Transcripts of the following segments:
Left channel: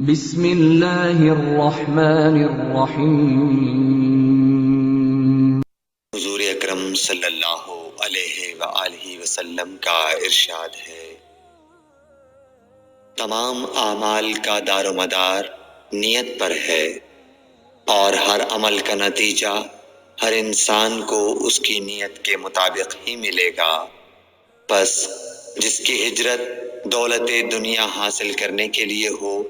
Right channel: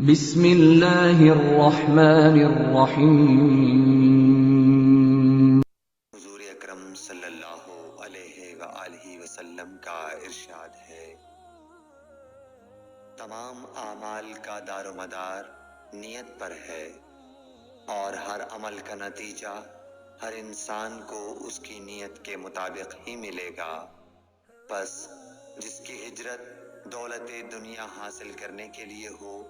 بسم اللہ الرحمن الرحیم۔ حضور اکرم صلی اللہ علیہ وآلہ وسلم کا ارشاد ہے، تمام اعمال کا دار و مدار نیت پر ہے، اور ہر عمل کا نتیجہ ہر انسان کو اس کی نیت کے مطابق ہی ملے گا۔ پس جس کی ہجرت دولت دنیا حاصل کرنے کے لیے ہو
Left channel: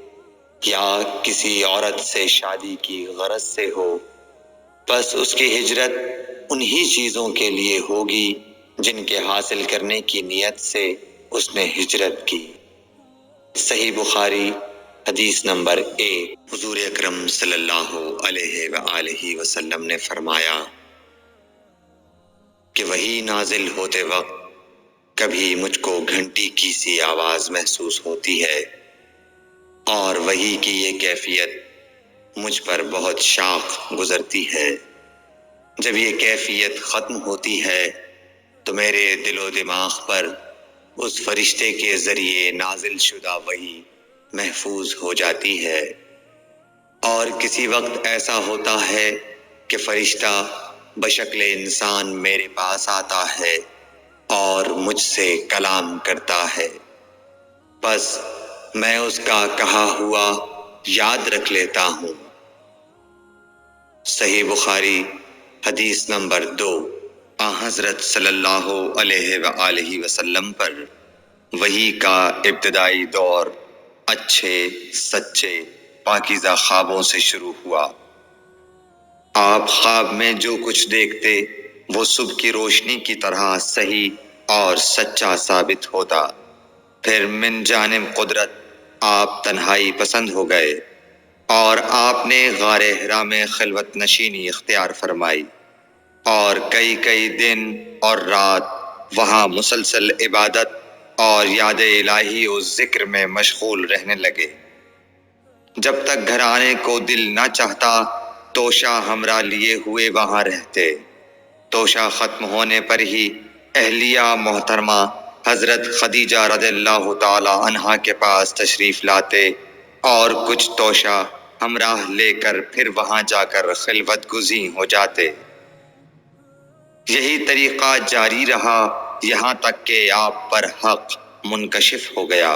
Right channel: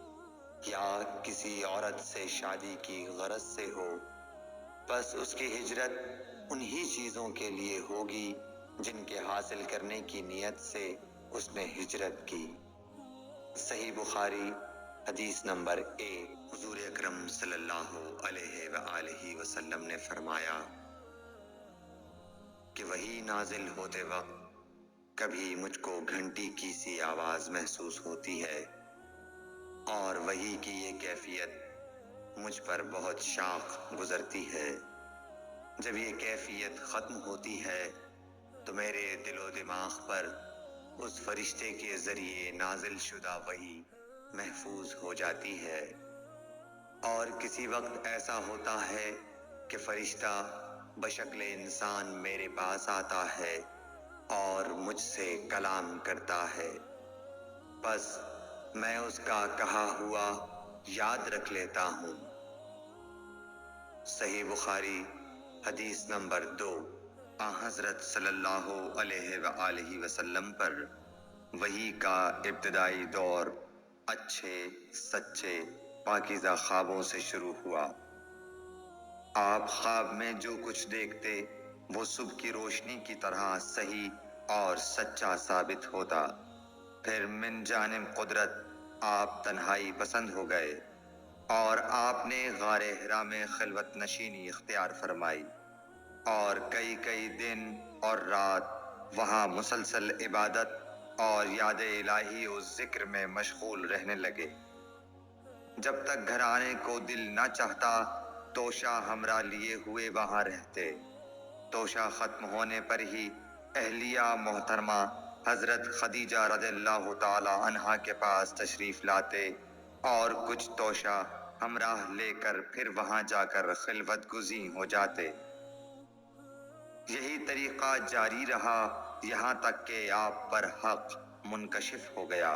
یا کسی عورت سے شادی کی غرض سے ہو، پس اس کی ہجرت انہی چیزوں کے لیے ہوگی جن کے حاصل کرنے کی نیت سے اس نے ہجرت کی۔ صحیح بخاری حدیث نمبر 1۔ حضور اکرم صلی اللہ علیہ وآلہ وسلم نے فرمایا کہ وحی نازل ہوتے وقت کبھی مجھ کو گھنٹی کی سی آواز محسوس ہوتی ہے، اور وحی کی یہ کیفیت مجھ پر بہت شاق گزرتی ہے۔ جب یہ کیفیت ختم ہوتی ہے تو میرے دل و دماغ پر اس فرشتے کے ذریعے نازل شدہ وحی محفوظ ہو جاتی ہے، اور کسی وقت ایسا ہوتا ہے کہ فرشتہ بشکل انسان میرے پاس آتا ہے اور مجھ سے کلام کرتا ہے، بس میں اس کا کہا ہوا یاد رکھ لیتا ہوں۔ صحیح بخاری حدیث نمبر 2۔ حضرت صلی اللہ علیہ وآلہ وسلم پر وحی کا ابتدائی دور اچھے سچے پاکیزہ خوابوں سے شروع ہوا۔ آپ خواب میں جو کچھ دیکھتے وہ صبح کی روشنی کی طرح صحیح اور سچا ثابت ہوتا۔ پھر من جانب قدرت آپ تنہائی پسند ہو گئے، اور آپ نے غار حرا میں خلوت نشینی اختیار فرمائی، اور کئی دن اور رات وہاں مسلسل عبادت اور یاد الہی و ذکر میں مشغول رہنے لگے۔ جب تک گھر آنے کو دل نہ چاہتا توشہ ہمراہ لیے ہوئے وہاں رہتے۔ توشہ ختم ہونے پر ہی اہلیہ محترمہ حضرت خدیجہ رضی اللہ تعالی عنہا کے پاس تشریف لاتے، اور کچھ توشہ ہمراہ لے کر پھر وہاں جا کر خلوت گزین ہو جاتے۔ یہی طریقہ جاری رہا یہاں تک کہ آپ پر حق منکشف ہو گیا،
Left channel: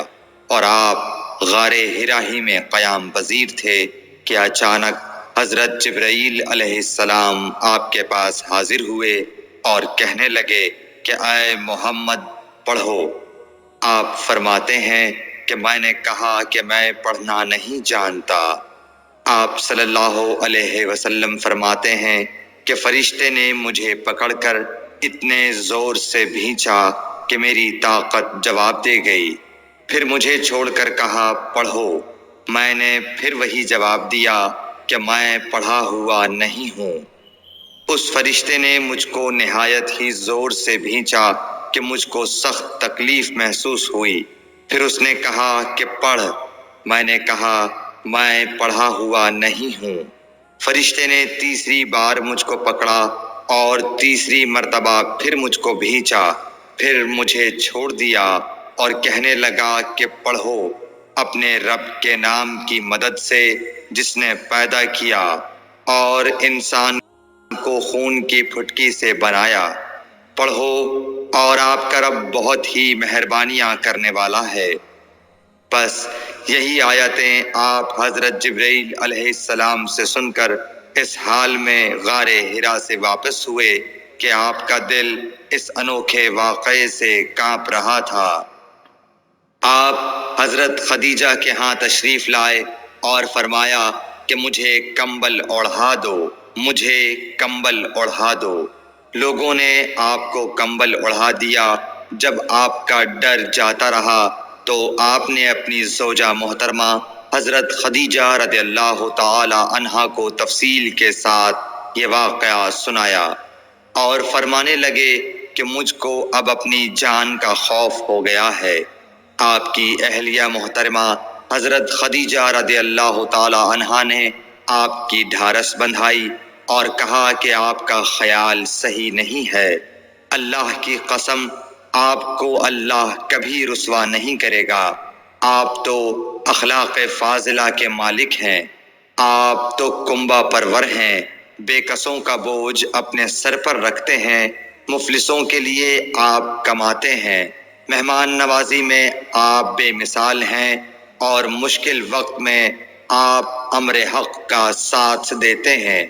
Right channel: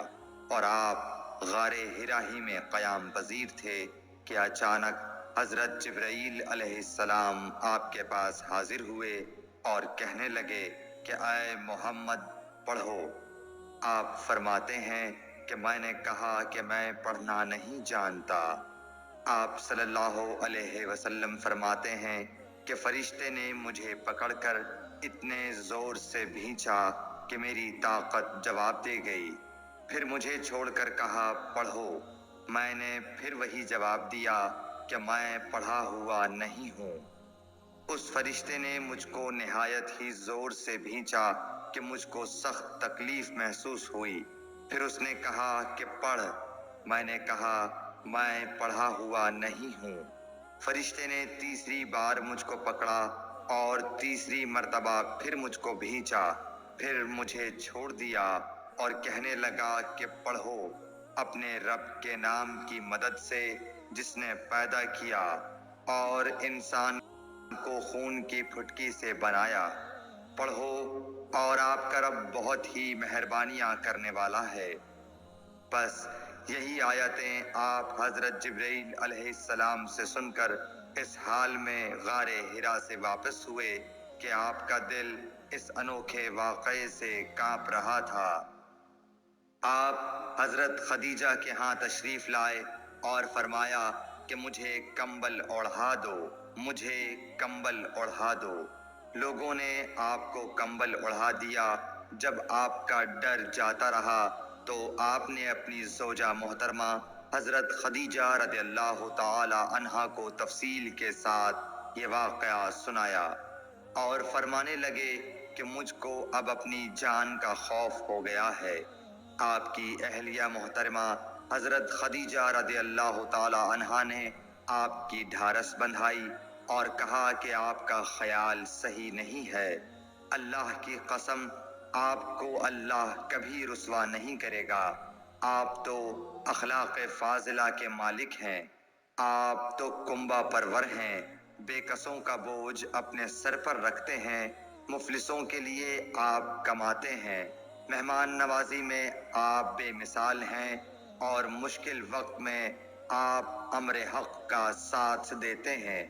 اور آپ غار حرا ہی میں قیام پذیر تھے کہ اچانک حضرت جبرائیل علیہ السلام آپ کے پاس حاضر ہوئے اور کہنے لگے کہ اے محمد پڑھو۔ آپ فرماتے ہیں کہ میں نے کہا کہ میں پڑھنا نہیں جانتا۔ آپ صلی اللہ علیہ وسلم فرماتے ہیں کہ فرشتے نے مجھے پکڑ کر اتنے زور سے بھینچا کہ میری طاقت جواب دے گئی، پھر مجھے چھوڑ کر کہا پڑھو۔ میں نے پھر وہی جواب دیا کہ میں پڑھا ہوا نہیں ہوں۔ اس فرشتے نے مجھ کو نہایت ہی زور سے بھینچا کہ مجھ کو سخت تکلیف محسوس ہوئی، پھر اس نے کہا کہ پڑھ۔ میں نے کہا میں پڑھا ہوا نہیں ہوں۔ فرشتے نے تیسری بار مجھ کو پکڑا اور تیسری مرتبہ پھر مجھ کو بھینچا، پھر مجھے چھوڑ دیا اور کہنے لگا کہ پڑھو اپنے رب کے نام کی مدد سے جس نے پیدا کیا اور انسان کو خون کی پھٹکی سے بنایا۔ پڑھو اور آپ کا رب بہت ہی مہربانیاں کرنے والا ہے۔ بس یہی آیتیں آپ حضرت جبرائیل علیہ السلام سے سن کر اس حال میں غار حرا سے واپس ہوئے کہ آپ کا دل اس انوکھے واقعے سے کانپ رہا تھا۔ آپ حضرت خدیجہ کے ہاں تشریف لائے اور فرمایا کہ مجھے کمبل اوڑھا دو، مجھے کمبل اوڑھا دو۔ لوگوں نے آپ کو کمبل اوڑھا دیا۔ جب آپ کا ڈر جاتا رہا تو آپ نے اپنی زوجہ محترمہ حضرت خدیجہ رضی اللہ تعالی عنہا کو تفصیل کے ساتھ یہ واقعہ سنایا، اور فرمانے لگے کہ مجھ کو اب اپنی جان کا خوف ہو گیا ہے۔ آپ کی اہلیہ محترمہ حضرت خدیجہ رضی اللہ تعالی عنہا نے آپ کی ڈھارس بندھائی اور کہا کہ آپ کا خیال صحیح نہیں ہے۔ اللہ کی قسم آپ کو اللہ کبھی رسوا نہیں کرے گا۔ آپ تو اخلاق فاضلہ کے مالک ہیں، آپ تو کنبہ پرور ہیں، بے کسوں کا بوجھ اپنے سر پر رکھتے ہیں، مفلسوں کے لیے آپ کماتے ہیں، مہمان نوازی میں آپ بے مثال ہیں، اور مشکل وقت میں آپ امر حق کا ساتھ دیتے ہیں۔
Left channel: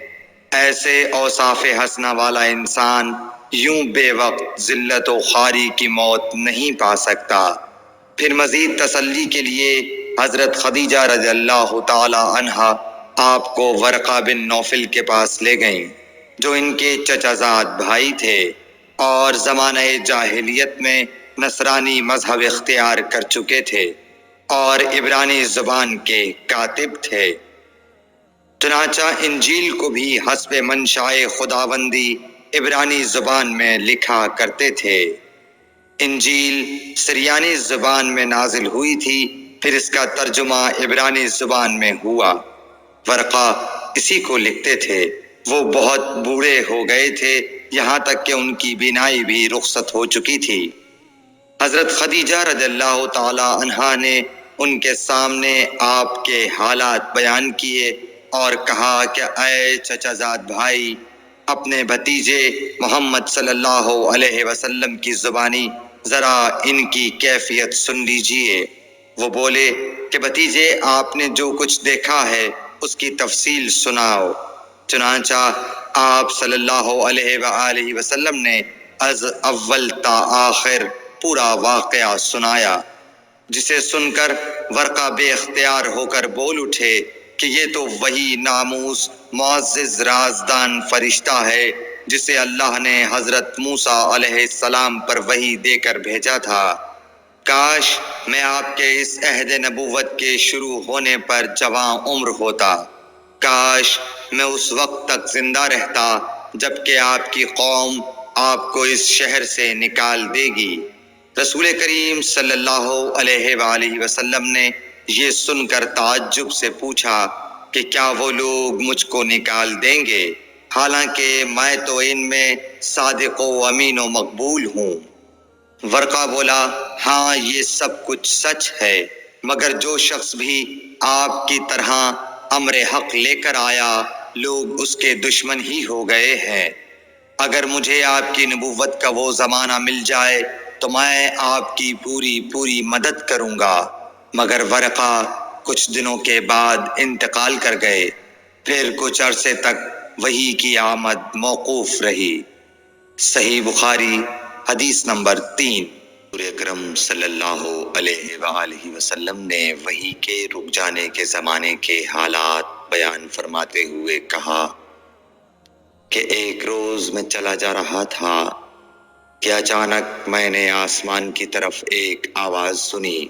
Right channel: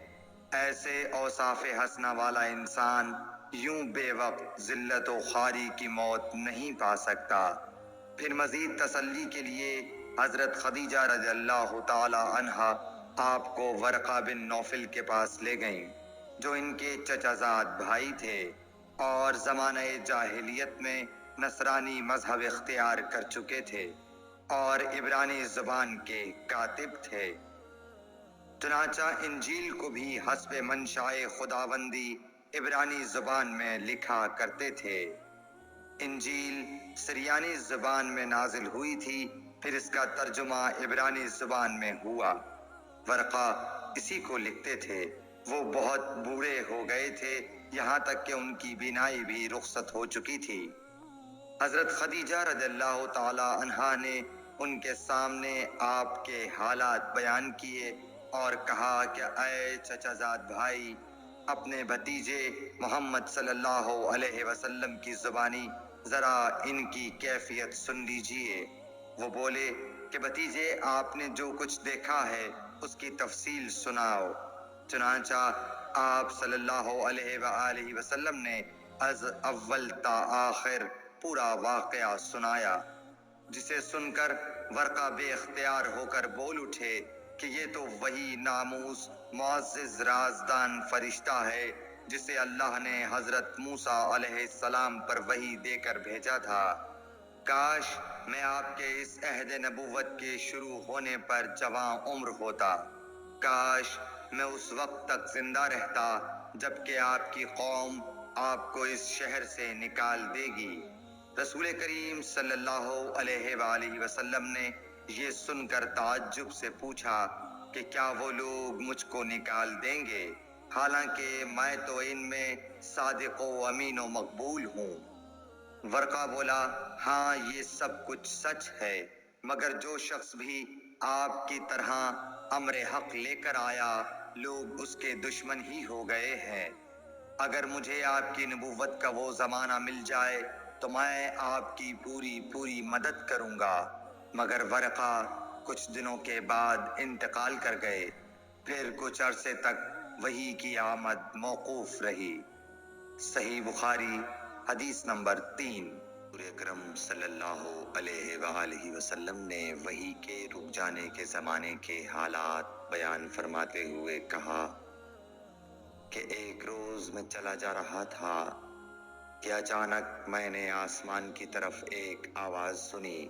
ایسے اوصاف حسنہ والا انسان یوں بے وقت ذلت و خواری کی موت نہیں پا سکتا۔ پھر مزید تسلی کے لیے حضرت خدیجہ رضی اللہ تعالی عنہا آپ کو ورقہ بن نوفل کے پاس لے گئیں، جو ان کے چچا زاد بھائی تھے اور زمانہ جاہلیت میں نصرانی مذہب اختیار کر چکے تھے اور عبرانی زبان کے کاتب تھے۔ چنانچہ انجیل کو بھی حسب منشائے خداوندی عبرانی زبان میں لکھا کرتے تھے۔ انجیل سریانی زبان میں نازل ہوئی تھی، پھر اس کا ترجمہ عبرانی زبان میں ہوا۔ ورقہ اسی کو لکھتے تھے۔ وہ بہت بوڑھے ہو گئے تھے، یہاں تک کہ ان کی بینائی بھی رخصت ہو چکی تھی۔ حضرت خدیجہ رضی اللہ تعالی عنہا نے ان کے سامنے آپ کے حالات بیان کیے اور کہا کہ اے چچا زاد بھائی، اپنے بھتیجے محمد صلی اللہ علیہ وسلم کی زبانی ذرا ان کی کیفیت سن لیجئے۔ وہ بولے کہ بھتیجے، آپ نے جو کچھ دیکھا ہے اس کی تفصیل سناؤ۔ چنانچہ آپ صلی اللہ علیہ وآلہ وسلم نے از اول تا آخر پورا واقعہ سنایا، جسے سن کر ورقہ بے اختیار ہو کر بول اٹھے کہ یہ تو وہی ناموس معزز رازدان فرشتہ ہے جسے اللہ نے حضرت موسیٰ علیہ السلام پر وحی دے کر بھیجا تھا۔ کاش میں آپ کے اس عہد نبوت کے شروع ہونے پر جواں عمر ہوتا، کاش میں اس وقت تک زندہ رہتا جب کہ آپ کی قوم آپ کو اس شہر سے نکال دے گی۔ رسول کریم صلی اللہ علیہ وآلہ وسلم نے یہ سن کر تعجب سے پوچھا کہ کیا وہ لوگ مجھ کو نکال دیں گے، حالانکہ میں تو ان میں صادق و امین و مقبول ہوں۔ ورقہ بولا، ہاں یہ سب کچھ سچ ہے، مگر جو شخص بھی آپ کی طرح امر حق لے کر آیا، لوگ اس کے دشمن ہی ہو گئے ہیں۔ اگر مجھے آپ کی نبوت کا وہ زمانہ مل جائے تو میں آپ کی پوری مدد کروں گا، مگر ورقہ کچھ دنوں کے بعد انتقال کر گئے۔ پھر کچھ عرصے تک وحی کی آمد موقوف رہی۔ صحیح بخاری حدیث نمبر 3۔ حضور اکرم صلی اللہ علیہ وآلہ وسلم نے وحی کے رک جانے کے زمانے کے حالات بیان فرماتے ہوئے کہا کہ ایک روز میں چلا جا رہا تھا کہ اچانک میں نے آسمان کی طرف ایک آواز سنی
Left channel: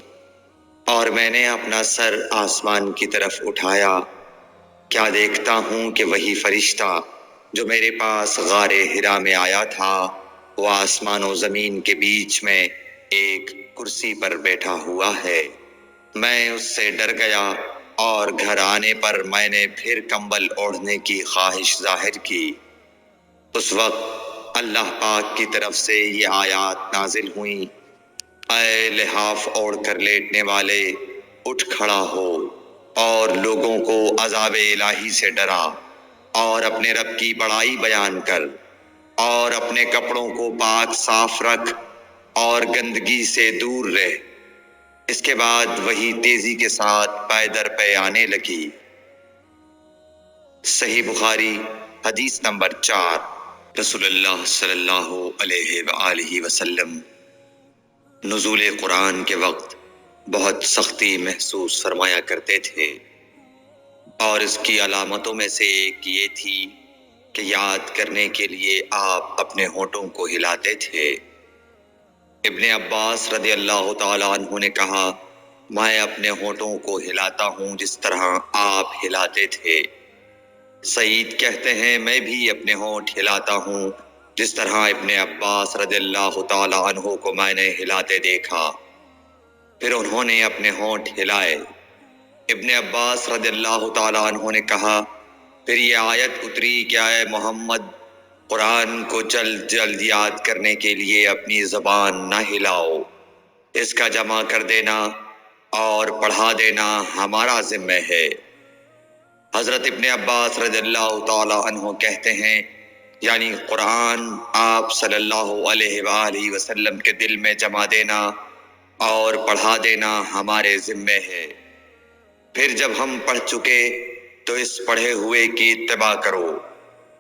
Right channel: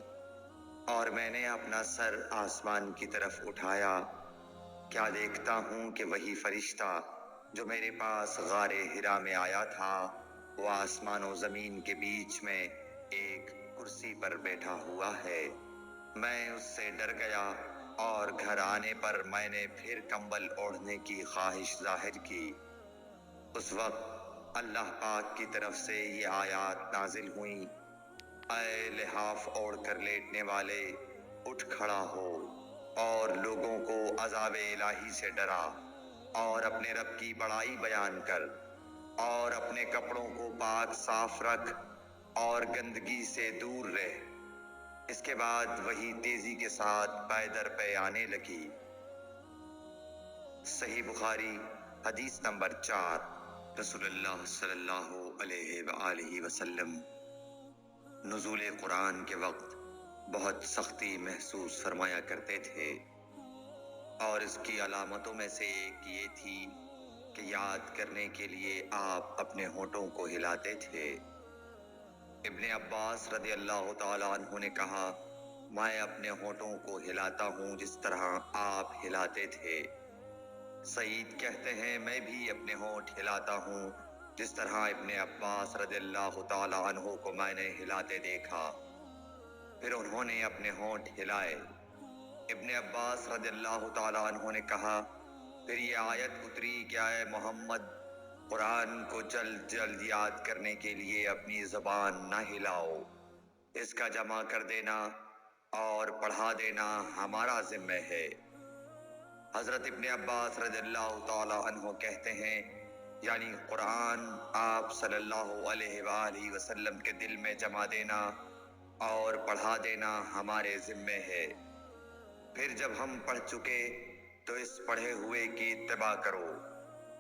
اور میں نے اپنا سر آسمان کی طرف اٹھایا۔ کیا دیکھتا ہوں کہ وہی فرشتہ جو میرے پاس غار حرا میں آیا تھا، وہ آسمان و زمین کے بیچ میں ایک کرسی پر بیٹھا ہوا ہے۔ میں اس سے ڈر گیا اور گھر آنے پر میں نے پھر کمبل اوڑھنے کی خواہش ظاہر کی۔ اس وقت اللہ پاک کی طرف سے یہ آیات نازل ہوئیں، اے لحاف اوڑھ کر لیٹنے والے، اٹھ کھڑا ہو اور لوگوں کو عذاب الہی سے ڈرا، اور اپنے رب کی بڑائی بیان کر، اور اپنے کپڑوں کو پاک صاف رکھ اور گندگی سے دور رہ۔ اس کے بعد وہی تیزی کے ساتھ پے در پے آنے لگی۔ صحیح بخاری حدیث نمبر 4۔ رسول اللہ صلی اللہ علیہ وآلہ وسلم نزول قرآن کے وقت بہت سختی محسوس فرمایا کرتے تھے، اور اس کی علامتوں میں سے ایک یہ تھی کہ یاد کرنے کے لیے آپ اپنے ہونٹوں کو ہلاتے تھے۔ ابن عباس رضی اللہ تعالیٰ عنہ نے کہا، میں اپنے ہونٹوں کو ہلاتا ہوں جس طرح آپ ہلاتے تھے۔ سعید کہتے ہیں، میں بھی اپنے ہونٹ ہلاتا ہوں جس طرح ابن عباس رضی اللہ تعالیٰ عنہ کو میں نے ہلاتے دیکھا۔ پھر انہوں نے اپنے ہونٹ ہلائے۔ ابن عباس رضی اللہ تعالیٰ عنہ نے کہا، پھر یہ آیت اتری کہ اے محمد، قرآن کو جلد جلد یاد کرنے کے لیے اپنی زبان نہ ہلاؤ، اس کا جمع کر دینا اور پڑھا دینا ہمارا ذمہ ہے۔ حضرت ابن عباس رضی اللہ تعالی عنہ کہتے ہیں، یعنی قرآن آپ صلی اللہ علیہ وآلہ وسلم کے دل میں جما دینا اور پڑھا دینا ہمارے ذمہ ہے۔ پھر جب ہم پڑھ چکے تو اس پڑھے ہوئے کی اتباع کرو۔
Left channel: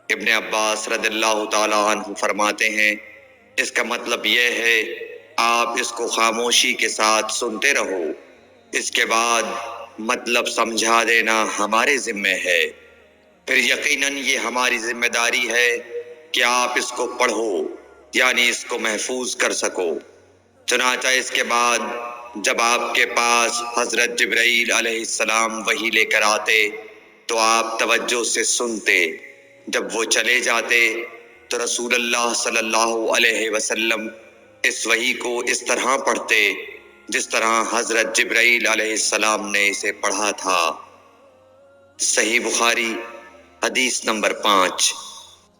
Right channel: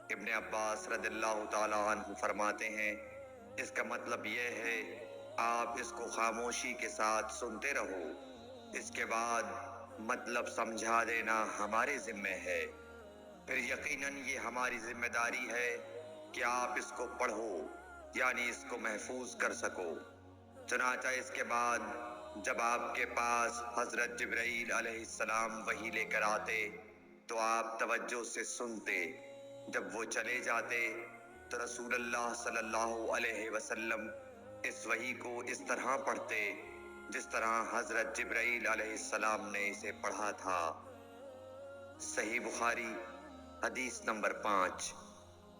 ابن عباس رضی اللہ تعالی عنہ فرماتے ہیں، اس کا مطلب یہ ہے آپ اس کو خاموشی کے ساتھ سنتے رہو، اس کے بعد مطلب سمجھا دینا ہمارے ذمہ ہے۔ پھر یقیناً یہ ہماری ذمہ داری ہے کہ آپ اس کو پڑھو، یعنی اس کو محفوظ کر سکو۔ چنانچہ اس کے بعد جب آپ کے پاس حضرت جبرائیل علیہ السلام وحی لے کر آتے تو آپ توجہ سے سنتے، جب وہ چلے جاتے تو رسول اللہ صلی اللہ علیہ وسلم اس وحی کو اس طرح پڑھتے جس طرح حضرت جبرائیل علیہ السلام نے اسے پڑھا تھا۔ صحیح بخاری حدیث نمبر 5۔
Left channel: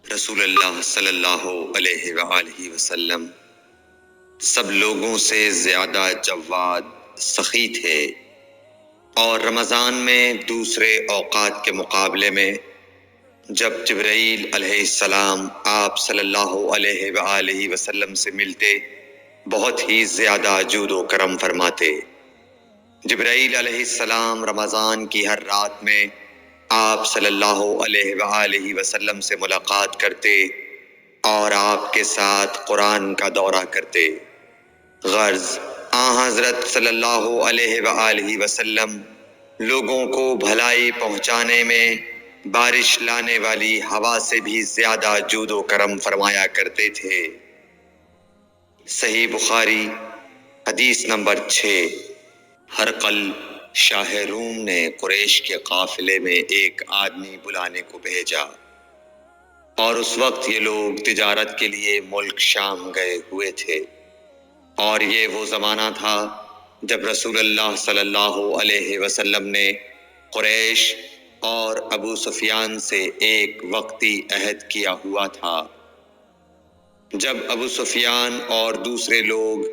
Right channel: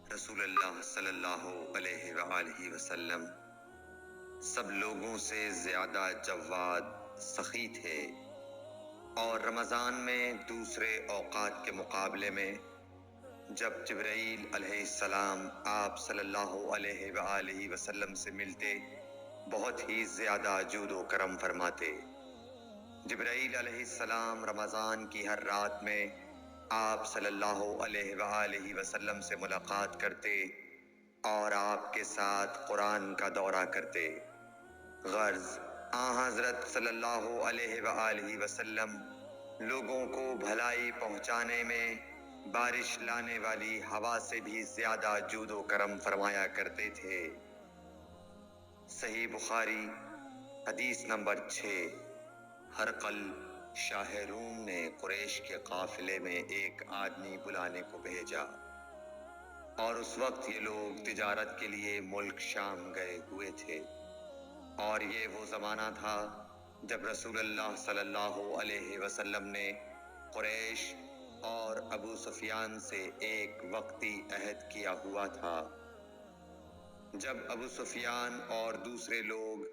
رسول اللہ صلی اللہ علیہ وآلہ وسلم سب لوگوں سے زیادہ جواد، سخی تھے، اور رمضان میں دوسرے اوقات کے مقابلے میں جب جبرائیل علیہ السلام آپ صلی اللہ علیہ وآلہ وسلم سے ملتے بہت ہی زیادہ جود و کرم فرماتے۔ جبرائیل علیہ السلام رمضان کی ہر رات میں آپ صلی اللہ علیہ وآلہ وسلم سے ملاقات کرتے اور آپ کے ساتھ قرآن کا دورہ کرتے۔ غرض حضرت صلی اللہ علیہ وآلہ وسلم لوگوں کو بھلائی پہنچانے میں بارش لانے والی ہوا سے بھی زیادہ جود و کرم فرمایا کرتے تھے۔ صحیح بخاری حدیث نمبر 6۔ ہرقل شاہ روم نے قریش کے قافلے میں ایک آدمی بلانے کو بھیجا، اور اس وقت یہ لوگ تجارت کے لیے ملک شام گئے ہوئے تھے، اور یہ وہ زمانہ تھا جب رسول اللہ صلی اللہ علیہ وسلم نے قریش اور ابو سفیان سے ایک وقتی عہد کیا ہوا تھا۔ جب ابو سفیان اور دوسرے لوگ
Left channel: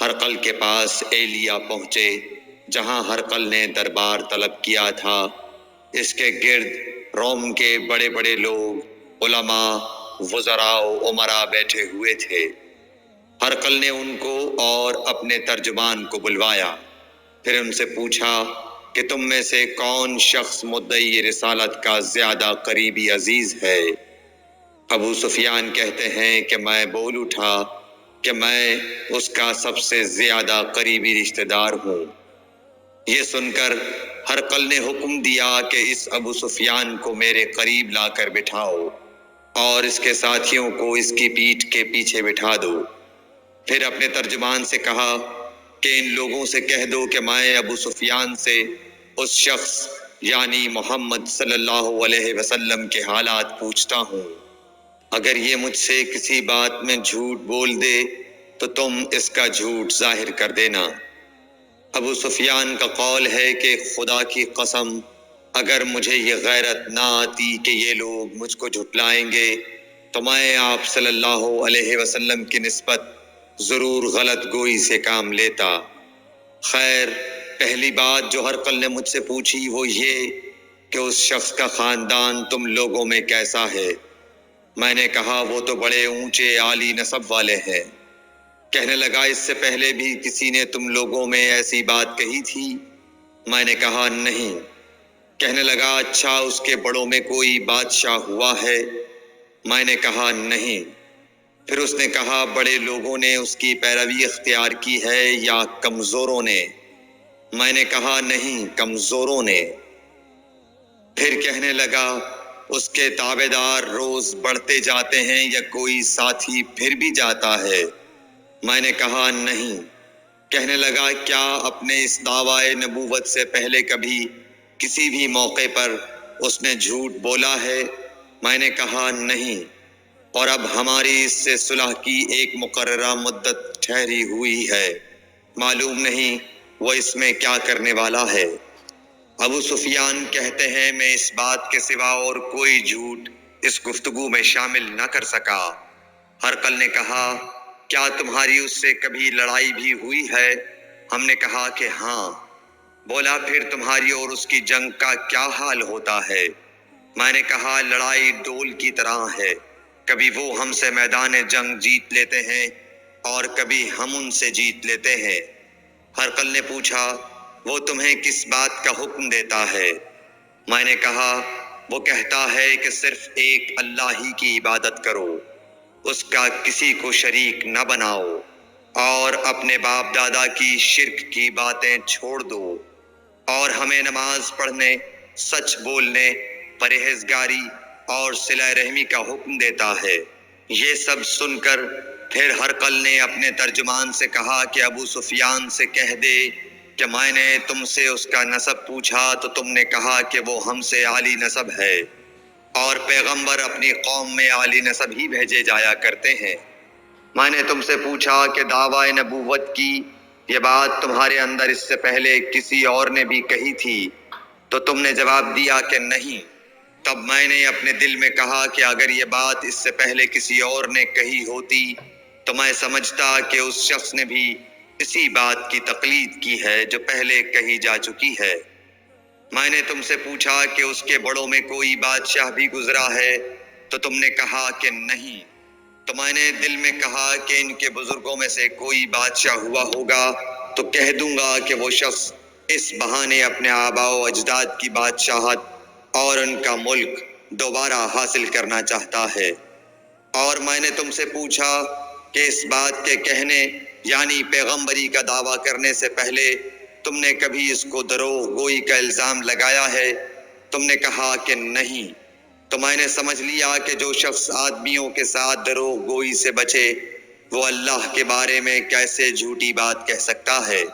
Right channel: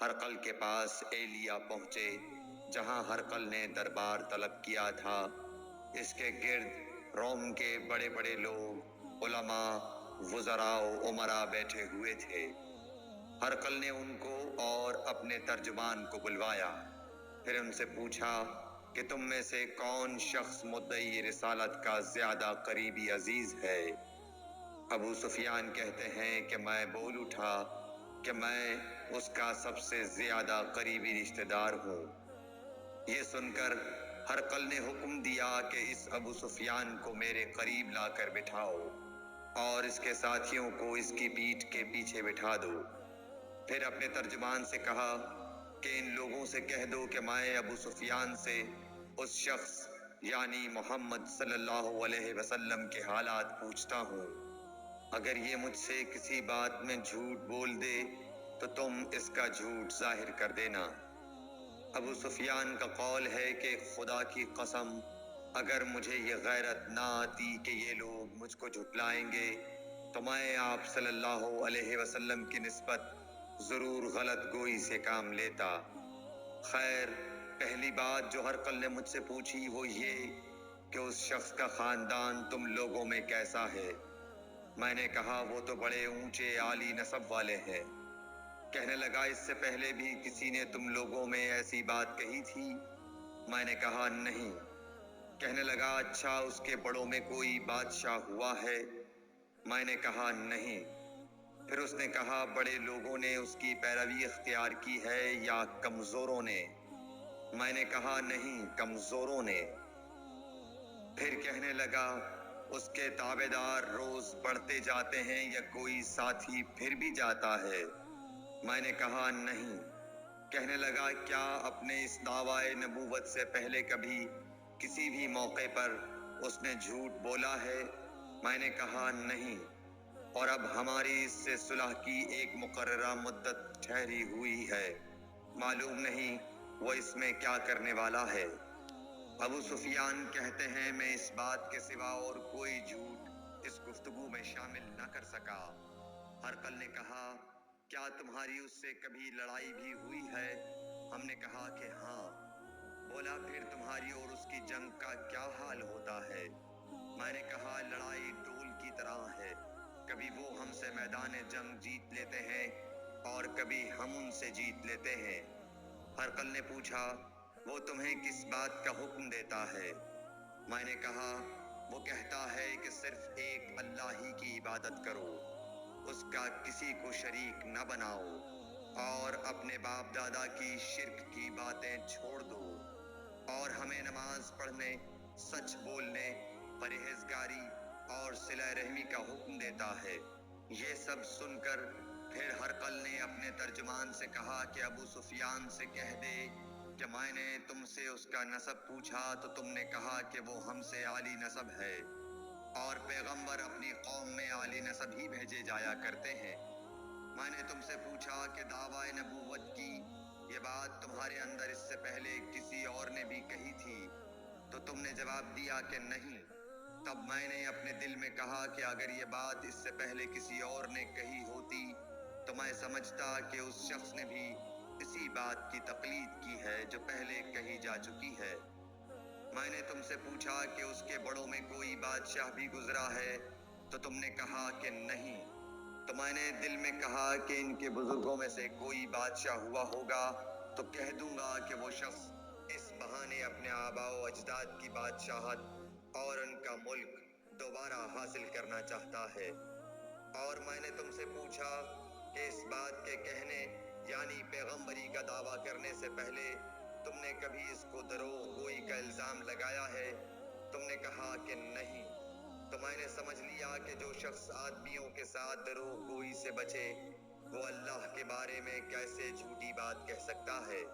ہرقل کے پاس ایلیا پہنچے جہاں ہرقل نے دربار طلب کیا تھا، اس کے گرد روم کے بڑے بڑے لوگ، علماء، وزراء و امراء بیٹھے ہوئے تھے۔ ہرقل نے ان کو اور اپنے ترجمان کو بلوایا، پھر ان سے پوچھا کہ تم میں سے کون شخص مدعی رسالت کا زیادہ قریبی عزیز ہے؟ ابو سفیان کہتے ہیں کہ میں بول اٹھا کہ میں اس کا سب سے زیادہ قریبی رشتہ دار ہوں۔ یہ سن کر ہرقل نے حکم دیا کہ اس ابو سفیان کو میرے قریب لا کر بٹھاؤ اور اس کے ساتھیوں کو اس کی پیٹھ کے پیچھے بٹھا دو۔ پھر اپنے ترجمان سے کہا کہ ان لوگوں سے کہہ دو کہ میں ابو سفیان سے اس شخص یعنی محمد صلی اللہ علیہ وسلم کے حالات پوچھتا ہوں، اگر یہ مجھ سے کسی بات میں جھوٹ بول دے تو تم اس کا جھوٹ ظاہر کر دینا۔ ابو سفیان کا قول ہے کہ خدا کی قسم اگر مجھے یہ غیرت نہ آتی کہ یہ لوگ مجھ کو جھٹلائیں گے تو میں آپ صلی اللہ علیہ وسلم کی نسبت ضرور غلط گوئی سے کام لیتا۔ خیر، پہلی بات جو ہرقل نے مجھ سے پوچھی وہ یہ کہ اس شخص کا خاندان تم لوگوں میں کیسا ہے؟ میں نے کہا وہ تو بڑے اونچے عالی نسب والے ہیں۔ کہنے لگا اس سے پہلے بھی کسی نے تم لوگوں میں ایسی بات کہی تھی؟ میں نے کہا نہیں۔ کہنے لگا اچھا اس کے بڑوں میں کوئی بادشاہ ہوا ہے؟ میں نے کہا نہیں۔ پھر اس نے کہا بڑے لوگوں نے اس کی پیروی اختیار کی ہے یا کمزوروں نے؟ میں نے کہا نہیں، کمزوروں نے۔ پھر کہنے لگا اس کے تابعدار روز بڑھتے جاتے ہیں یا کوئی ساتھی پھر بھی جاتا ہے؟ میں نے کہا نہیں۔ کہنے لگا کیا اپنے اس دعویٰ نبوت سے پہلے کبھی کسی بھی موقع پر اس نے جھوٹ بولا ہے؟ میں نے کہا نہیں، اور اب ہماری اس سے صلح کی ایک مقررہ مدت ٹھہری ہوئی ہے، معلوم نہیں وہ اس میں کیا کرنے والا ہے۔ ابو سفیان کہتے ہیں میں اس بات کے سوا اور کوئی جھوٹ اس گفتگو میں شامل نہ کر سکا۔ ہرقل نے کہا کیا تمہاری اس سے کبھی لڑائی بھی ہوئی ہے؟ ہم نے کہا کہ ہاں۔ بولا پھر تمہاری اور اس کی جنگ کا کیا حال ہوتا ہے؟ میں نے کہا لڑائی ڈول کی طرح ہے، کبھی وہ ہم سے میدان جنگ جیت لیتے ہیں اور کبھی ہم ان سے جیت لیتے ہیں۔ ہرقل نے پوچھا وہ تمہیں کس بات کا حکم دیتا ہے؟ میں نے کہا وہ کہتا ہے کہ صرف ایک اللہ ہی کی عبادت کرو، اس کا کسی کو شریک نہ بناؤ، اور اپنے باپ دادا کی شرک کی باتیں چھوڑ دو، اور ہمیں نماز پڑھنے، سچ بولنے، پرہیزگاری اور صلہ رحمی کا حکم دیتا ہے۔ یہ سب سن کر پھر ہرقل نے اپنے ترجمان سے کہا کہ ابو سفیان سے کہہ دے کہ میں نے تم سے اس کا نسب پوچھا تو تم نے کہا کہ وہ ہم سے عالی نسب ہے، اور پیغمبر اپنی قوم میں عالی نسب ہی بھیجے جایا کرتے ہیں۔ میں نے تم سے پوچھا کہ دعویٰ نبوت کی یہ بات تمہارے اندر اس سے پہلے کسی اور نے بھی کہی تھی تو تم نے جواب دیا کہ نہیں۔ تب میں نے اپنے دل میں کہا کہ اگر یہ بات اس سے پہلے کسی اور نے کہی ہوتی تو میں سمجھتا کہ اس شخص نے بھی اسی بات کی تقلید کی ہے جو پہلے کہی جا چکی ہے۔ میں نے تم سے پوچھا کہ اس کے بڑوں میں کوئی بادشاہ بھی گزرا ہے تو تم نے کہا کہ نہیں۔ تو میں نے دل میں کہا کہ ان کے بزرگوں میں سے کوئی بادشاہ ہوا ہوگا تو کہہ دوں گا کہ وہ شخص اس بہانے اپنے آباء و اجداد کی بادشاہت اور ان کا ملک دوبارہ حاصل کرنا چاہتا ہے۔ اور میں نے تم سے پوچھا کہ اس بات کے کہنے یعنی پیغمبری کا دعویٰ کرنے سے پہلے تم نے کبھی اس کو دروغ گوئی کا الزام لگایا ہے؟ تم نے کہا کہ نہیں۔ تو میں نے سمجھ لیا کہ جو شخص آدمیوں کے ساتھ دروغ گوئی سے بچے وہ اللہ کے بارے میں کیسے جھوٹی بات کہہ سکتا ہے۔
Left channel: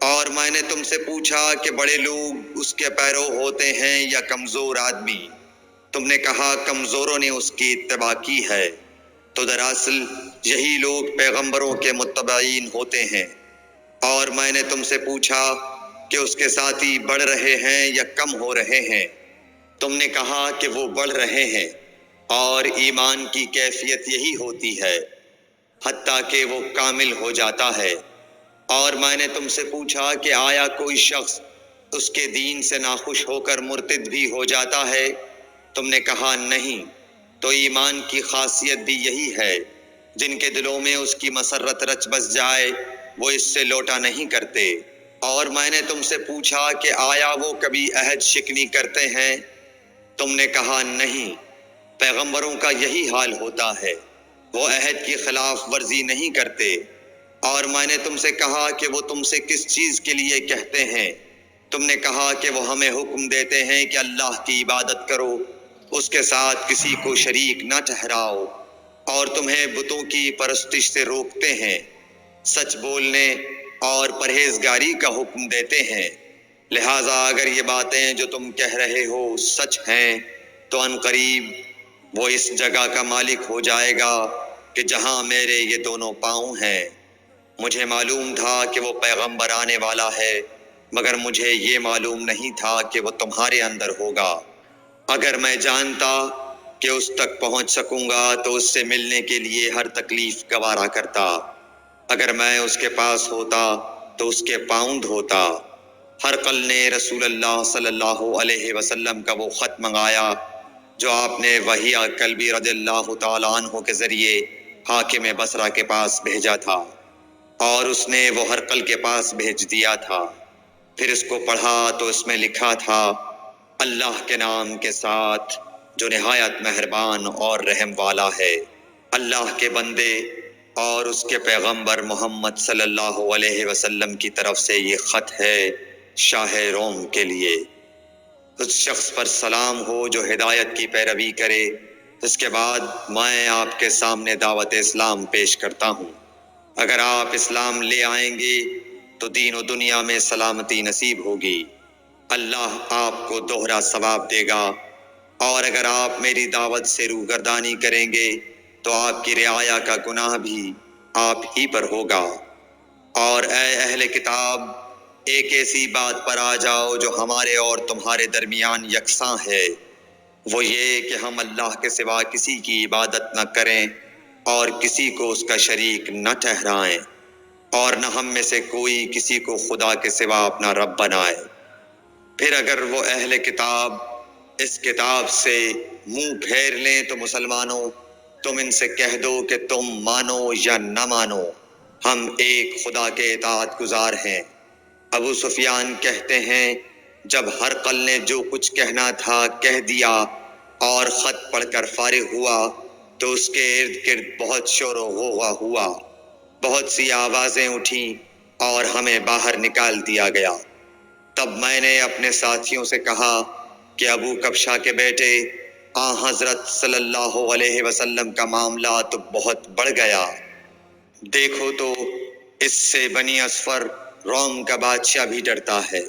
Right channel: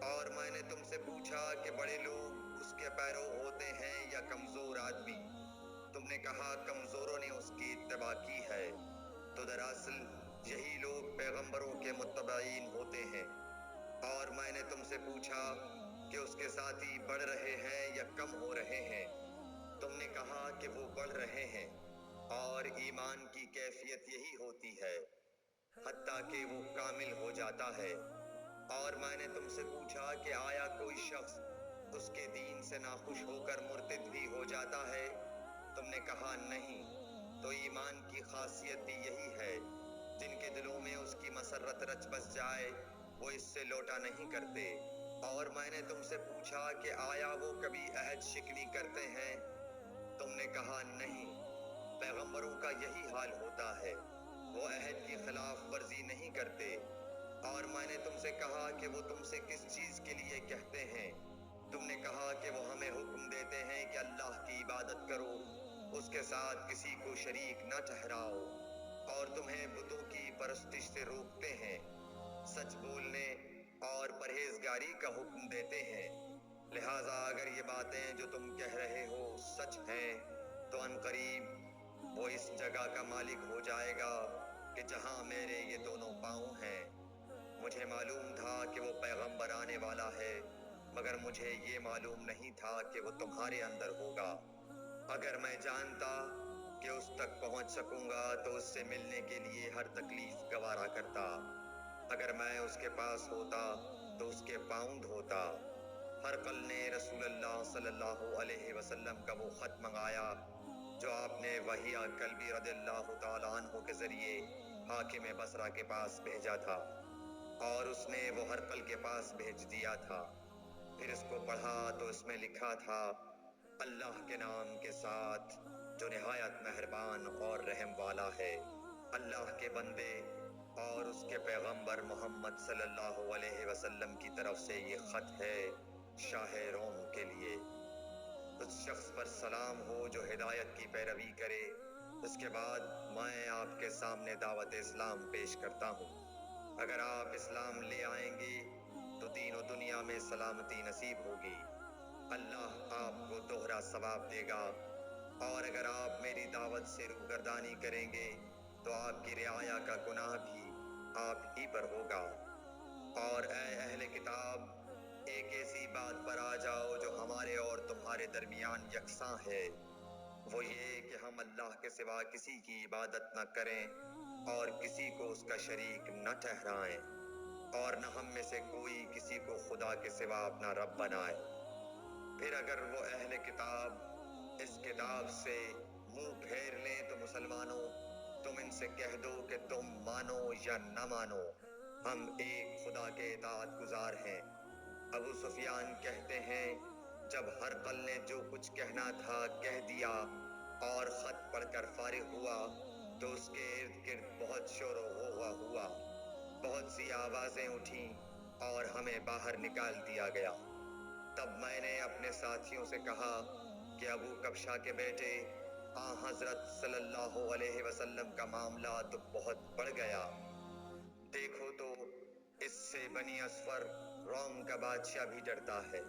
اور میں نے تم سے پوچھا کہ بڑے لوگ اس کے پیرو ہوتے ہیں یا کمزور آدمی؟ تم نے کہا کمزوروں نے اس کی اتباع کی ہے۔ تو دراصل یہی لوگ پیغمبروں کے متبعین ہوتے ہیں۔ اور میں نے تم سے پوچھا کہ اس کے ساتھی بڑھ رہے ہیں یا کم ہو رہے ہیں؟ تم نے کہا کہ وہ بڑھ رہے ہیں، اور ایمان کی کیفیت یہی ہوتی ہے حتیٰ کہ وہ کامل ہو جاتا ہے۔ اور میں نے تم سے پوچھا کہ آیا کوئی شخص اس کے دین سے ناخوش ہو کر مرتد بھی ہو جاتا ہے؟ تم نے کہا نہیں۔ تو ایمان کی خاصیت بھی یہی ہے، جن کے دلوں میں اس کی مسرت رچ بس جائے وہ اس سے لوٹا نہیں کرتے۔ اور میں نے تم سے پوچھا کہ آیا وہ کبھی عہد شکنی کرتے ہیں؟ تم نے کہا نہیں۔ پیغمبروں کا یہی حال ہوتا ہے، وہ عہد کی خلاف ورزی نہیں کرتے۔ اور میں نے تم سے کہا کہ وہ تم سے کس چیز کے لیے کہتے ہیں؟ تم نے کہا کہ وہ ہمیں حکم دیتے ہیں کہ اللہ کی عبادت کرو، اس کے ساتھ کسی کو شریک نہ ٹھہراؤ، اور تمہیں بتوں کی پرستش سے روکتے ہیں، سچ بولنے اور پرہیزگاری کا حکم دیتے ہیں۔ لہٰذا اگر یہ باتیں جو تم کہہ رہے ہو سچ ہیں تو ان قریب وہ اس جگہ کا مالک ہو جائے گا کہ جہاں میرے یہ دونوں پاؤں ہیں۔ مجھے معلوم تھا کہ وہ پیغمبر آنے والا ہے، مگر مجھے یہ معلوم نہیں تھا کہ وہ تمہارے اندر ہوگا۔ اگر میں جانتا کہ اس تک پہنچ سکوں گا تو اس سے ملنے کے لیے ہر تکلیف گوارا کرتا۔ اگر میں اس کے پاس ہوتا تو اس کے پاؤں دھوتا۔ ہرقل نے رسول اللہ صلی اللہ علیہ وسلم کا وہ خط منگایا جو آپ نے وحیہ کلبی رضی اللہ تعالیٰ عنہ کے ذریعے حاکم بصرہ کے پاس بھیجا تھا، اور اس نے وہ ہرقل کے پاس بھیج دیا تھا۔ پھر اس کو پڑھا تو اس میں لکھا تھا اللہ کے نام کے ساتھ جو نہایت مہربان اور رحم والا ہے۔ اللہ کے بندے اور اس کے پیغمبر محمد صلی اللہ علیہ وسلم کی طرف سے یہ خط ہے شاہ روم کے لیے۔ اس شخص پر سلام ہو جو ہدایت کی پیروی کرے۔ اس کے بعد میں آپ کے سامنے دعوت اسلام پیش کرتا ہوں۔ اگر آپ اسلام لے آئیں گے تو دین و دنیا میں سلامتی نصیب ہوگی، اللہ آپ کو دوہرا ثواب دے گا، اور اگر آپ میری دعوت سے روگردانی کریں گے تو آپ کی رعایا کا گناہ بھی آپ ہی پر ہوگا۔ اور اے اہل کتاب، ایک ایسی بات پر آ جاؤ جو ہمارے اور تمہارے درمیان یکساں ہے، وہ یہ کہ ہم اللہ کے سوا کسی کی عبادت نہ کریں اور کسی کو اس کا شریک نہ ٹھہرائیں، اور نہ ہم میں سے کوئی کسی کو خدا کے سوا اپنا رب بنائے۔ پھر اگر وہ اہل کتاب اس کتاب سے منہ پھیر لیں تو مسلمانوں تم ان سے کہہ دو کہ تم مانو یا نہ مانو، ہم ایک خدا کے اطاعت گزار ہیں۔ ابو سفیان کہتے ہیں جب ہرقل نے جو کچھ کہنا تھا کہہ دیا اور خط پڑھ کر فارغ ہوا تو اس کے ارد گرد بہت شور و غوغا ہوا، بہت سی آوازیں اٹھیں اور ہمیں باہر نکال دیا گیا۔ تب میں نے اپنے ساتھیوں سے کہا کہ ابو کبشہ کے بیٹے حضرت صلی اللہ علیہ وسلم کا معاملہ تو بہت بڑھ گیا۔ دیکھو تو اس سے بنی اصفر روم کا بادشاہ بھی ڈرتا ہے۔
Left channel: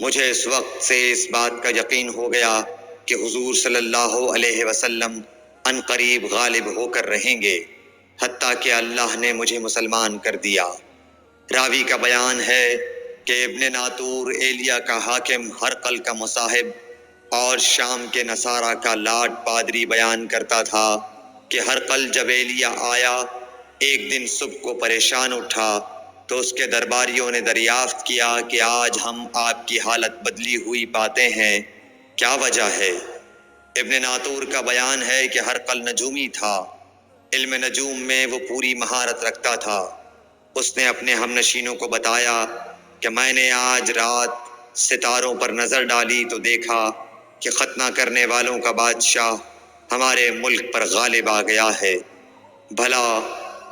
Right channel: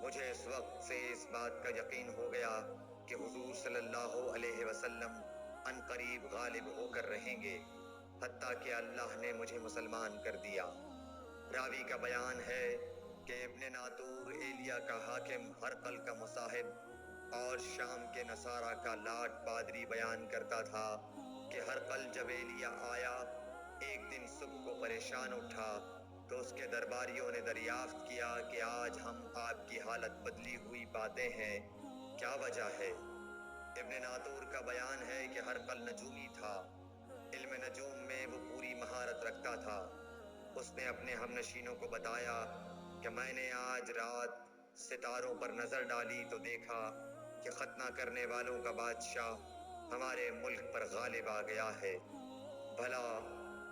مجھے اس وقت سے اس بات کا یقین ہو گیا کہ حضور صلی اللہ علیہ وسلم ان قریب غالب ہو کر رہیں گے، حتیٰ کہ اللہ نے مجھے مسلمان کر دیا۔ راوی کا بیان ہے کہ ابن ناطور ایلیا کا حاکم ہرقل کا مصاحب اور شام کے نصارہ کا لاٹ پادری بیان کرتا تھا کہ ہرقل جب ایلیا آیا ایک دن صبح کو پریشان اٹھا تو اس کے درباریوں نے دریافت کیا کہ آج ہم آپ کی حالت بدلی ہوئی پاتے ہیں، کیا وجہ ہے؟ ابن ناطور کا بیان ہے کہ ہرقل نجومی تھا، علم نجوم میں وہ پوری مہارت رکھتا تھا۔ اس نے اپنے ہم نشینوں کو بتایا کہ میں نے آج رات ستاروں پر نظر ڈالی تو دیکھا کہ ختنہ کرنے والوں کا بادشاہ ہمارے ملک پر غالب آ گیا ہے۔ بھلا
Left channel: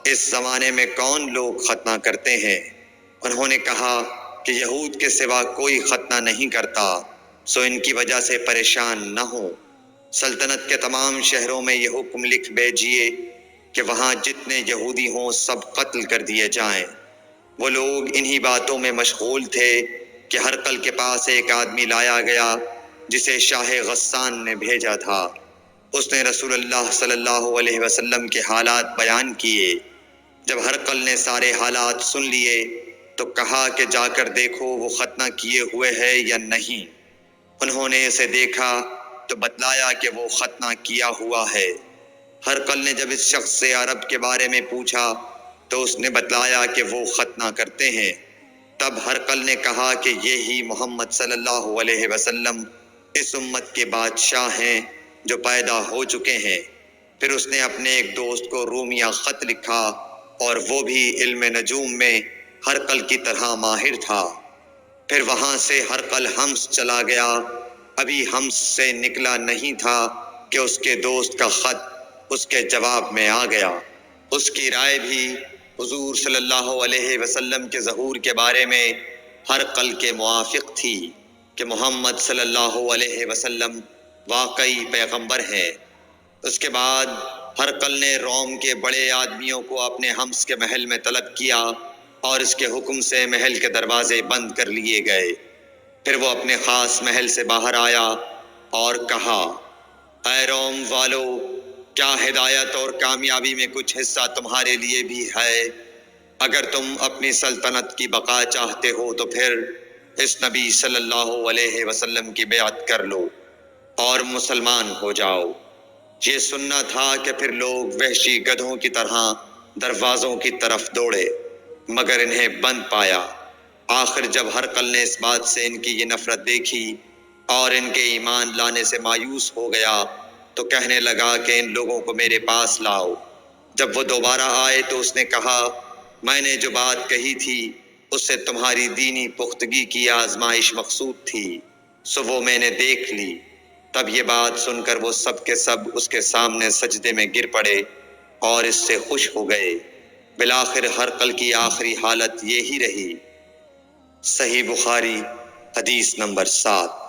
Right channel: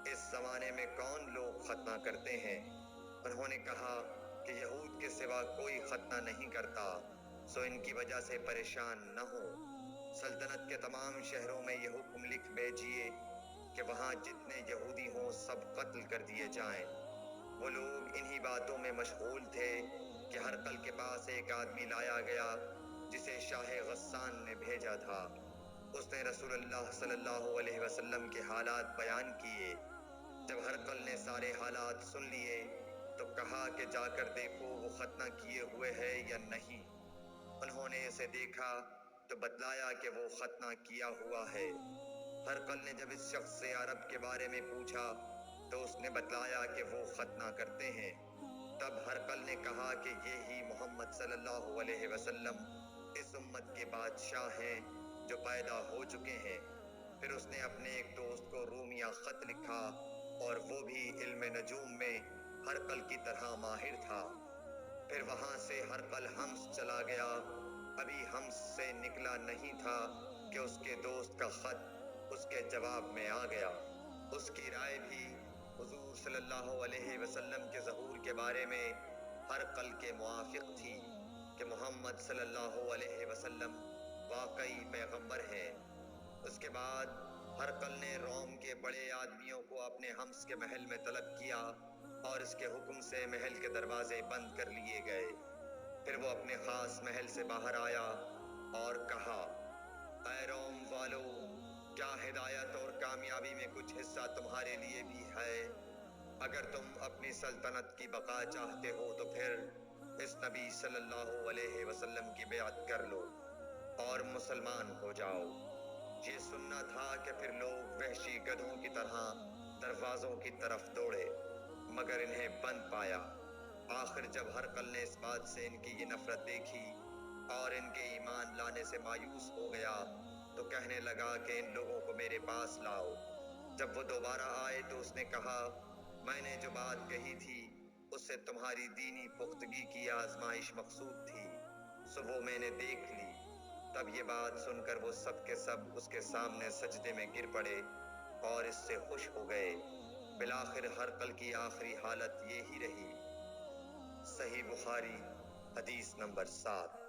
اس زمانے میں کون لوگ ختنہ کرتے ہیں؟ انہوں نے کہا کہ یہود کے سوا کوئی ختنہ نہیں کرتا، سو ان کی وجہ سے پریشان نہ ہو۔ سلطنت کے تمام شہروں میں یہ حکم لکھ بھیجیے کہ وہاں جتنے یہودی ہوں سب قتل کر دیے جائیں۔ وہ لوگ انہی باتوں میں مشغول تھے کہ ہرقل کے پاس ایک آدمی لایا گیا جسے شاہ غسان نے بھیجا تھا۔ اس نے رسول اللہ صلی اللہ علیہ وسلم کے حالات بیان کیے۔ جب ہرقل نے سارے حالات سن لیے تو کہا کہ جا کر دیکھو وہ ختنہ کیے ہوئے ہے یا نہیں۔ انہوں نے اسے دیکھا تو بتلایا کہ وہ ختنہ کیا ہوا ہے۔ ہرقل نے جب اس شخص سے عرب کے بارے میں پوچھا تو اس نے بتلایا کہ وہ ختنہ کرتے ہیں۔ تب ہرقل نے کہا کہ یہی محمد صلی اللہ علیہ وسلم اس امت کے بادشاہ ہیں جو پیدا ہو چکے ہیں۔ پھر اس نے اپنے ایک دوست کو رومیہ خط لکھا اور وہ بھی علم نجوم میں ہرقل کی طرح ماہر تھا۔ پھر وہاں سے ہرقل حمص چلا گیا، ابھی حمص سے نکلا نہیں تھا کہ اس کے دوست کا خط اس کے جواب میں آ گیا۔ اس کی رائے بھی حضور صلی اللہ علیہ وسلم کے ظہور کے بارے میں ہرقل کے موافق تھی کہ محمد صلی اللہ علیہ وسلم واقعی پیغمبر ہیں۔ اس کے بعد ہرقل نے روم کے بڑے آدمیوں کو اپنے حمص کے محل میں طلب کیا اور اس کے حکم سے محل کے دروازے بند کر لیے گئے۔ پھر وہ اپنے خاص محل سے باہر آیا اور کہا، اے روم والو، کیا ہدایت اور کامیابی میں کچھ حصہ تمہارے لیے بھی ہے؟ اگر تم اپنی سلطنت کی بقا چاہتے ہو تو پھر اس نبی صلی اللہ علیہ وسلم کی بیعت کر لو اور مسلمان ہو جاؤ۔ یہ سننا تھا کہ پھر لوگ وحشی گدھوں کی طرح دروازوں کی طرف دوڑے، مگر انہیں بند پایا۔ آخر جب ہرقل نے اس بات سے ان کی یہ نفرت دیکھی اور ان کے ایمان لانے سے مایوس ہو گیا تو کہنے لگا کہ ان لوگوں کو میرے پاس لاؤ۔ جب وہ دوبارہ آئے تو اس نے کہا، میں نے جو بات کہی تھی اس سے تمہاری دینی پختگی کی آزمائش مقصود تھی، سو وہ میں نے دیکھ لی۔ تب یہ بات سن کر وہ سب کے سب اس کے سامنے سجدے میں گر پڑے اور اس سے خوش ہو گئے۔ بالآخر ہرقل کی آخری حالت یہی رہی۔ صحیح بخاری حدیث نمبر 7۔